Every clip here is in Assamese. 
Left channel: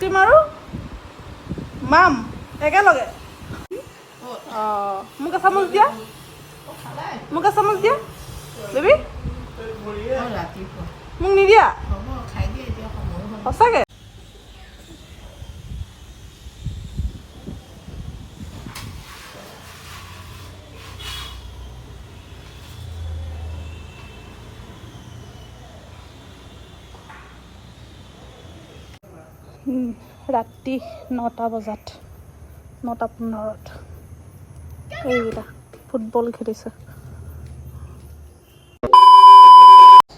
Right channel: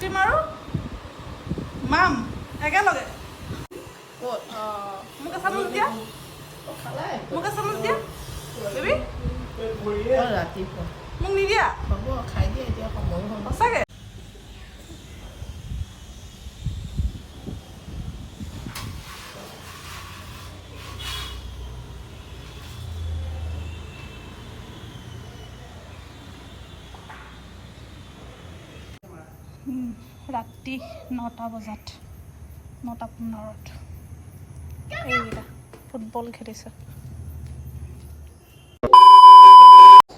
আইচক্ৰীম আৰু মাম একেলগে মোক এচামুচ দিয়া মোক এচামুচ দিয়া বেবী মোক নিদিয়া সঁচাকৈ ৰাতি 9টা বজাত 9:15 এইকেইটা ফুটবল খেলিছে।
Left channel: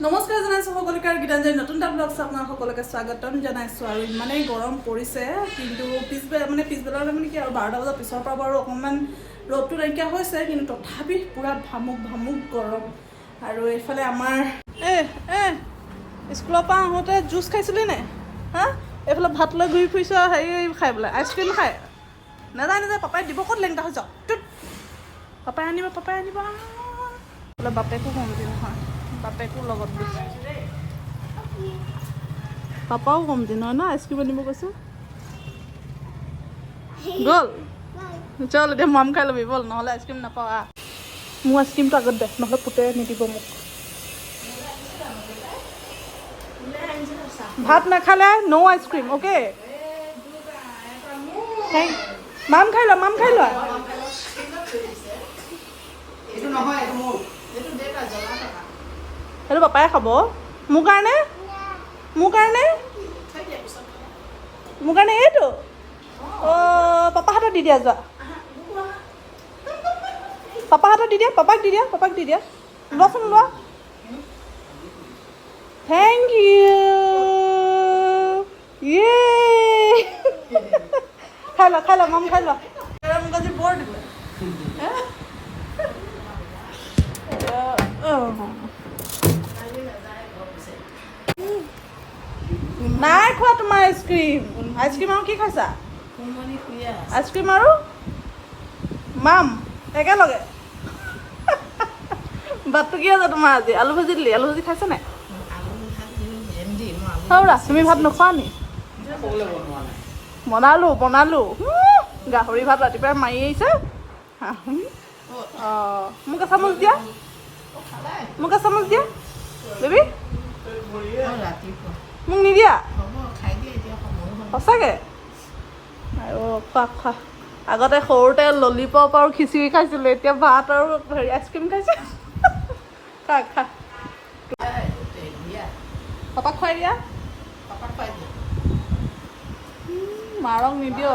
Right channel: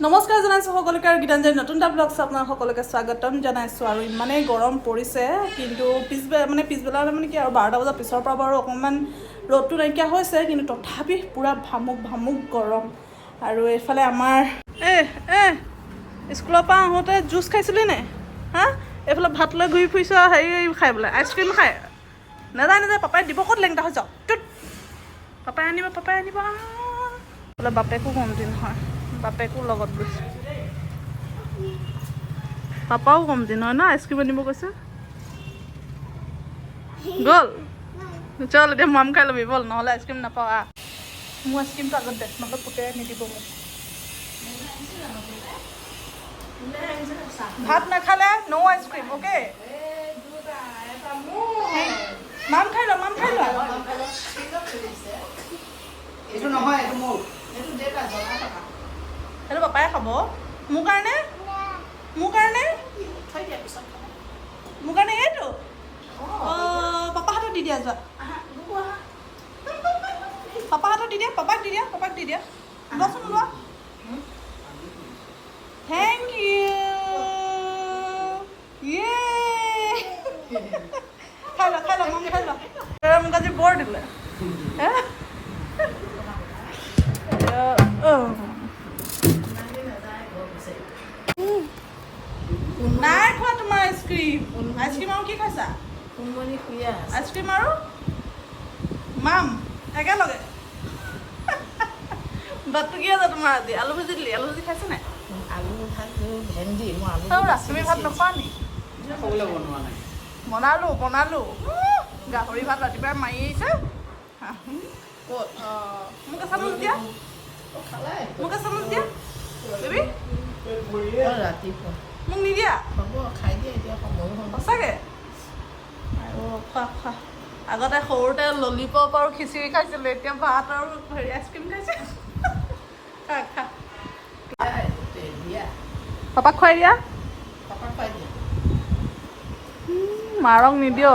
নমস্কাৰ জনাইছোঁ সকলোকে আৰু গীতাঞ্জলি নতুন এটা ব্লগছ আপোনাৰ সকলোকে স্বাগতম জনাইছোঁ। আৰু ইমানেই গৰম পৰিছে, কিন্তু পিছবেলা মানে কি আৰু 12টা বজাৰ পিছৰ পৰা বাৰু অকণমান ৰ'দটো নাইকিয়া হৈছে, কিন্তু তথাপি পূৰা ভামুক গৰম। আৰু এইফালে আমাৰ স্কুলৰ পৰা আহোঁতে জুচ খাইছিলি নে হা? এইফালে ভাত লৈ ঘূৰি ফুৰিছোঁ আৰু হেৰি খাই বোলে আইচক্ৰীম খাই নাযায় পাপাই দিব ক'ত লেংটা হৈ যাওক পাপাই আনিব বোলে বাপেকো কমতি নহয়, বাপেকো লগত গৈছে, পাপাও কমতি নহয় ন আইচক্ৰীম আনিব কৈছে। গ'ল চল এতিয়া মাম খাই ল'বি ব'ল, নহ'লে আইচক্ৰীম নাপাওঁ। মোৰ আইচক্ৰীমটো আগত দে, নহ'লে পুতেৰে নিদিব মোক। ভাত নাখালে ন' আইচক্ৰীম অ'কে। মাম খাই ল সেইটো পাপাই খাব মোৰ কাৰণে এইটো পাপা হাতত দি দিয়া যোৱা, পাপা হাতত দি দিয়া, পাপাক দি দিয়া লোৱাচোন লোৱা। থেংক ইউ খাই ল মাম খাই ল। মোক আজি বৰ দিলে নাই খোৱা তোমাৰ আইচক্ৰীম আৰু কি খাইছা? আইচক্ৰীম আৰু মাম একেলগে ভাতটো কি আছে তোমাৰ আজি? আলু ভাজি দিলি, আলু ভাজি খাইছা নাই? তুমি ভাত নোখোৱা নি? বনালো গাহৰি ভাত ৰাতিপুৱাই মাৰি আহিছে। মোক এচামুচ দিয়া বেবী মোক নিদিয়া সঁচাকৈ। আৰু খোৱা আগতে সৰুতে ললিপপ আৰু খিচিৰি খাইছিলোঁ, এতিয়া ভাত আৰু হেৰি আইচক্ৰীম খাইছে। খা পাপাক খুৱাই দিয়া। মাৰক নিদিয়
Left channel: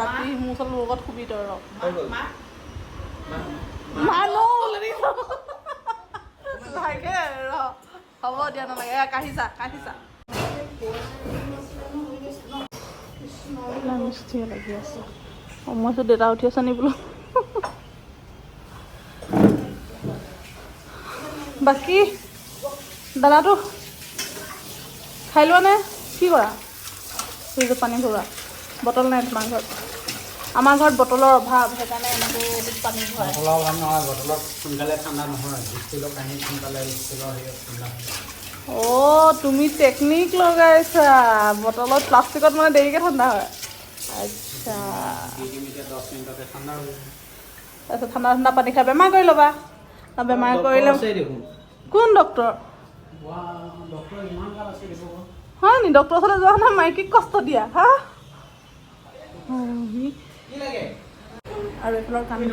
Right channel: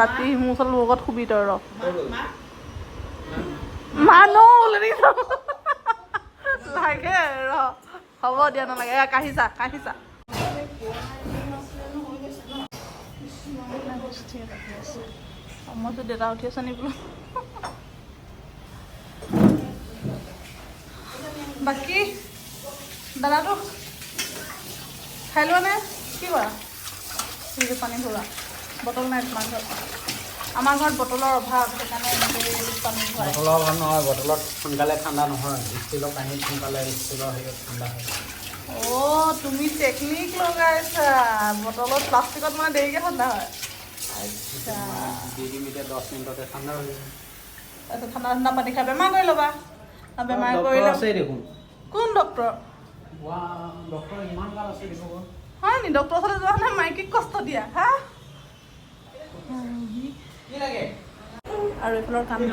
ৰাতি মোৰ ওচৰত লগত শুবি তই লাগে হ'ব দিয়া নালাগে কাঢ়িছা মইতো দেউতা উঠি আছে নি বোলো। বাকী দাদাটো খাই লোৱা নে কি কৰা? ফ্ৰিজত পানী থবা, বটল নাই তোমাৰ ঘৰত? আমাৰ ঘৰত বটলৰ অভাৱ, সেইকাৰণে বটলৰ অভাৱ নহয়, বটলত সোনকালে ঠাণ্ডা নহয়, ষ্টীলৰ পানী সোনকালে ষ্টীলৰ ঠাণ্ডা হয়। তুমি টেকনিক লগাইছা, বটলত প্লাষ্টিকত মানে দেৰিকৈ ঠাণ্ডা হয়। আচ্ছা 10 মিনিটতে ঠাণ্ডা হৈ যায়। তাৰপিছত ঠাণ্ডা পানী খাই বেমাৰ কৰি ল'বা। বেমাৰ কৰিলে দেখোন কোন ডক্টৰ? হয় নি? ডক্টৰৰ ওচৰলৈ যোৱা নাই, মাইকীক কষ্ট দিয়া হা? আৰু এইফালৰ কাণ্ড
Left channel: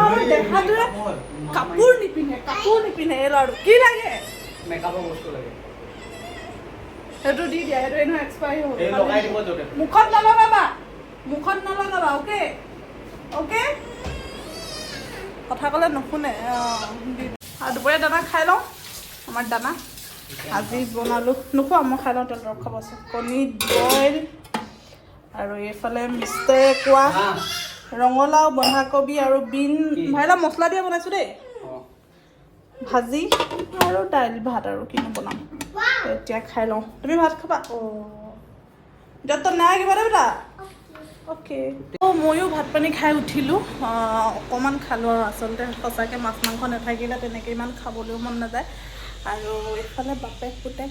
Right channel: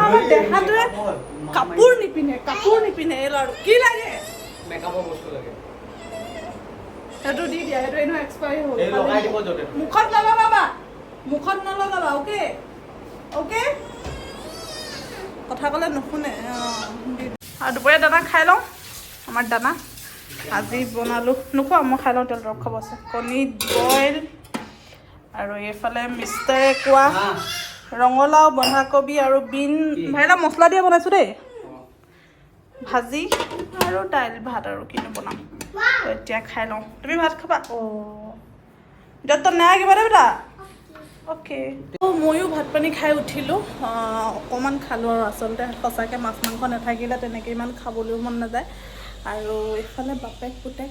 আমাৰ দেহাটোৱে কাপোৰ নিপিন্ধে এই ল'ৰাটো কি লাগে? মেকআপৰ বস্তু লাগে, সেইটো দি দিয়া, সেইটো এনেও এক্সপায়াৰী হ'ল। মুখত নলগাবা অ'কে কথা ক'লে নুশুনে। আৰু দুপৰীয়া দানা খাই লওঁ, আমাৰ দানা আজি বনালোঁ, নোখোৱা মই খাই লওঁ, তেল দৰৱ খাব আছে। কণী বইল আৰু এইফালে মিষ্টাৰে কোৱা ৰঙালাও বন্ধাকবি আৰু বিন ভাইলা মছলা দিয়ে বনাইছোঁ দেই, ভাজি আৰু দাইল ভাত আৰু কিনো বনাম। এতিয়া খাই লওঁ, তুমি ভাত খাবা? নাই কিবা বেটা অ'কে। ময়ো ভাত পানী খাই উঠিলোঁ, অকণমান খালোঁ আৰু আচলতে সঁচাকৈ মাছ মাংস নাথাকিলে তেনেকৈ ইমান খাবলৈও মন নাযায়। আৰু এইফালে বাপেক পুতেক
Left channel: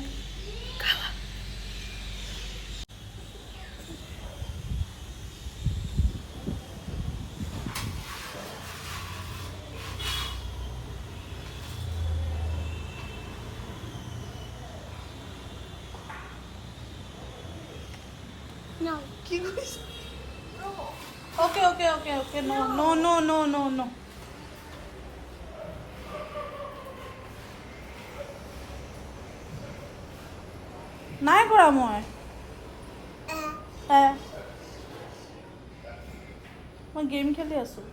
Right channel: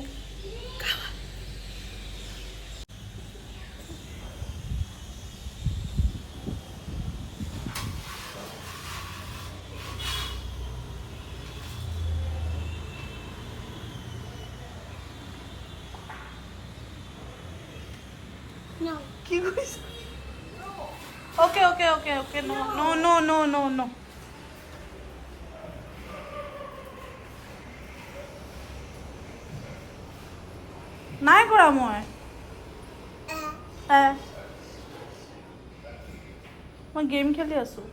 No. কি কৰিছ অ'কে অ'কে অ'কে অ'কে নো নো নো নো নো নো নাই কৰা মই মই গেম খেলি আছোঁ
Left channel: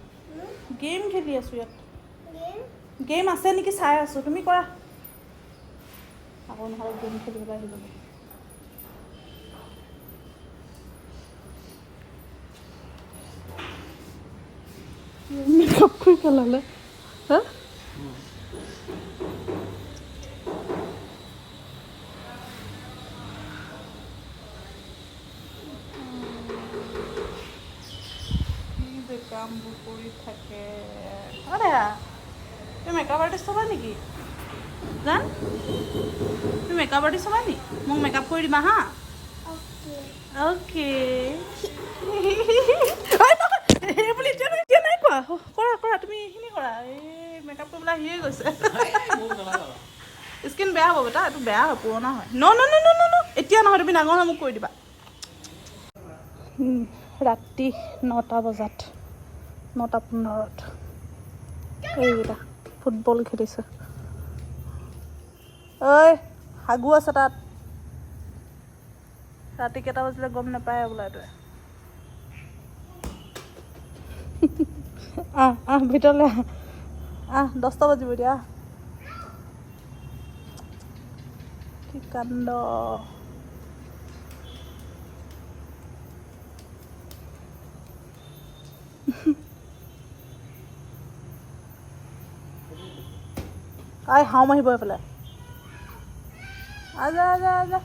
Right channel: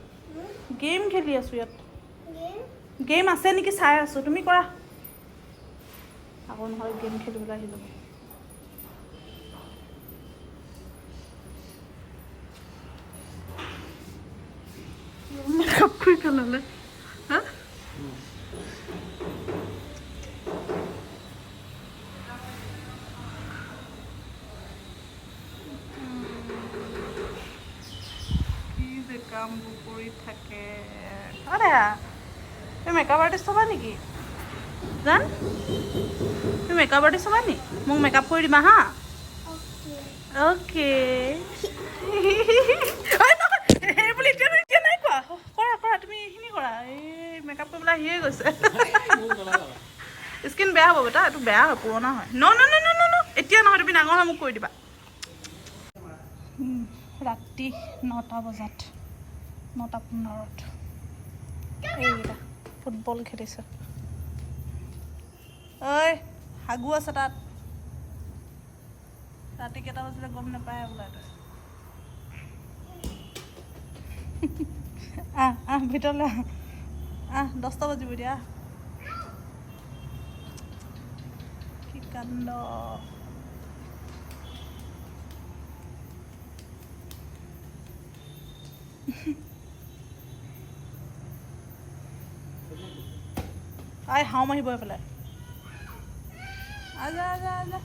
গেম খেলি আছোঁ ইয়াত গেম আছে নেকি চাই আছোঁ তুমি কৰা আকৌ নহ'লে গেম খেলিবলৈ আহি যাব মেকআপ কৰি পেলালে হা কামবোৰ কৰি থাকে আৰে তুমি মেকআপ আৰ্টিষ্ট হ'বা নেকি জান তুমি মেকআপ আৰ্টিষ্ট হ'বা নি মোক মেকআপ কৰি দিবা হা Okay. অ'কে এই বুলি এতিয়া নাই কোৱা কৰা কৰা তুমি এইখিনি কৰা এই মেকআপ কৰিবলৈ আহিয়ে গৈছে স্কিন বেয়া হ'ব বেটা এইটো বেয়া হয় পুৰণা হয় ন ন ন ন ন ন এতিয়া নহয় তুমি ডাঙৰ হয় মোক কৰি দিবা ৰাতি 9টা বজাত 9:15 এইকেইটা ফুটবল খেলিছে ঐ হাগু আছে তাত ৰাতি কেইটা বাজিলে গম নাপায় বোলে এইটোৱে ভিতৰলৈ আহ 10টা বাজিব দিয়া কি কাণ্ড হাও মাৰিব এইফালে আজা আজা আজা